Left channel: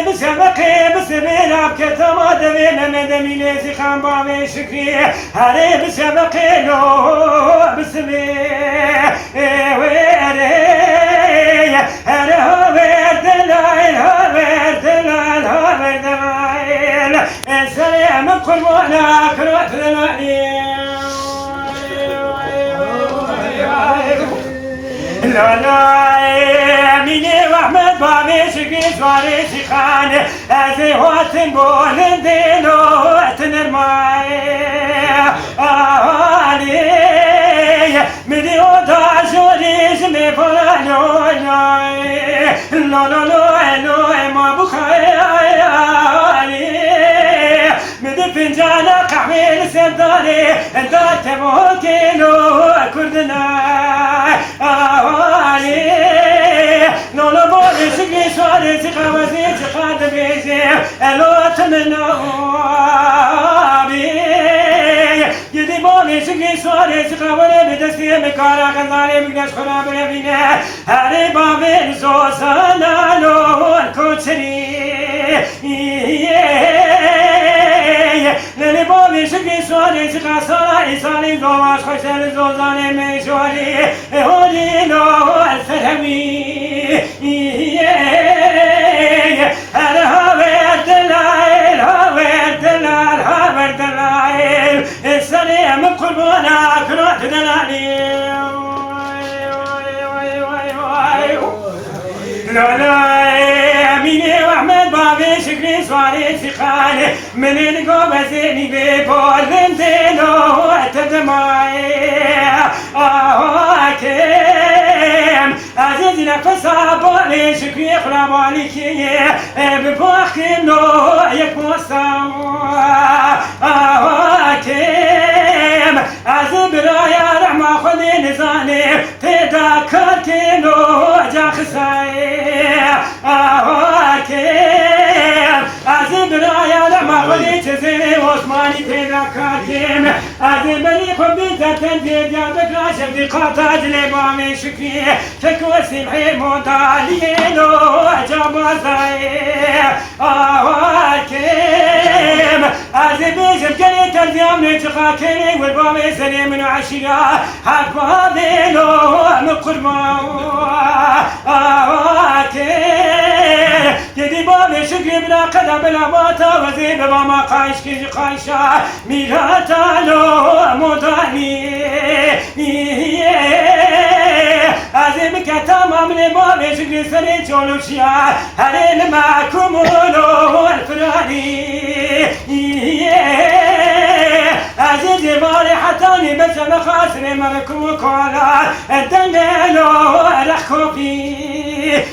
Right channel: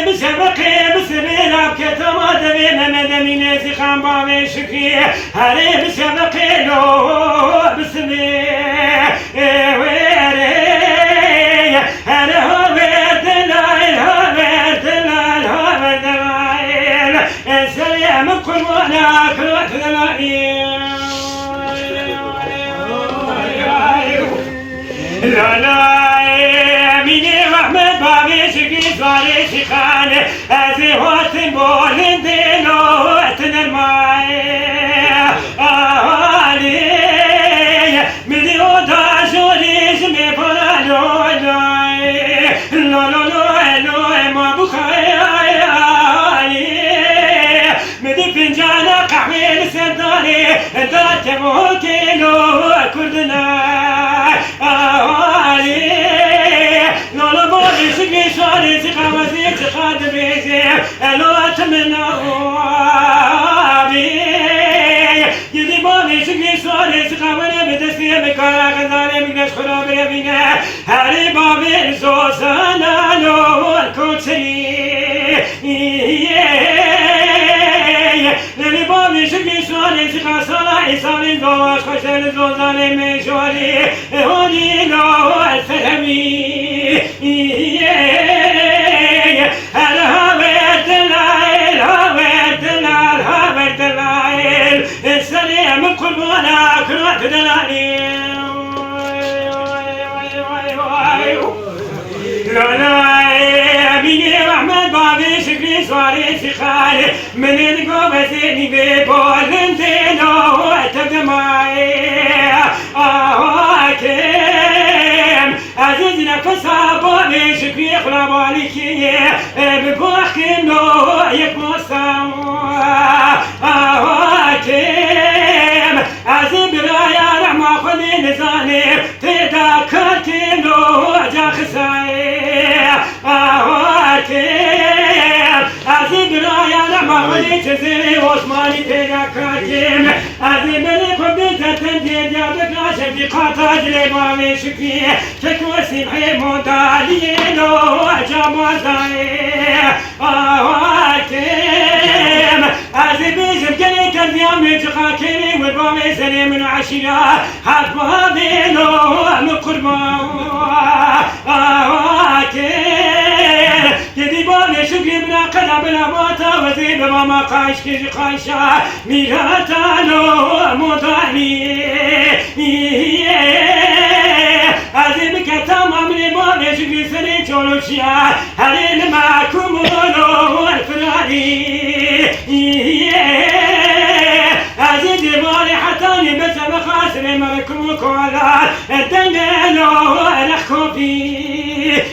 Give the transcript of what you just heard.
هري بسبقي بسبيلا بكتما دبي ممدمي نزخان بابي شكي هري بسبقي لو بسبي ويري هري هو دلايل هو دلايل هو دلايل السلام كل وانا كروت دلايل لا ميني واحمد بابي شقي سواري شيخان ازي واتن بولن دينو واتن الماي علي مدي ودا جوري جمي فلانو لو لو لو لو ما بخاي علي مدي فنجانا قحوي لسداني دات موكيلو كردنا لولا بولي سقي سوالي سقا وزيد سقا دبيزي الو اتمنى بي يدي بولي سقي سوالي سقا ولا بدستي مكارا غزالي مقدس خراب ربينا هاري بابي زوزانا لو الكوتسري للي بابي شقي سوالي سقا صلاحي صالي زواج خشل زوزالي ميشوالي هوني لو الفهمي هذا هاوي الدلايل هاوي الدلال هاوي الدلايل السلام قلبنا كروت دلالي لا ميني واحمد بابي شكري سواري سخالي من القوة زيني بيبول دينو تدماي كيم عزيز نفسها بابي شكري خلاب عليكي ببوحكي نو يكبو السماء كيم عزيز برايا رحمة خلي نزاني تذكرتي نو جا خساي عزيز برايا لما خليت زيني وعثماني تذكرتين عزيز بني كبديتا تنديد يا بكرا شبدي قاطع جلي مامي شكي تكوسي بحي مونتالينو جابا زاي كيم عزيز بيجم كني تنزيام نتخا كني والبامي سليم وعشيرا حق بابينو مقرما كدي بامي شكري بلا قدا بلا باتا وزي بماما قايش كيجي قايشا ميراتا لو موتاني عزي بكتا مامي بامي شكري سري جولوشيا هلين معكم ولو الفراني عزي جبالي حتاني بس بخاسر ملكو كولا الدنيا لو رخو فيه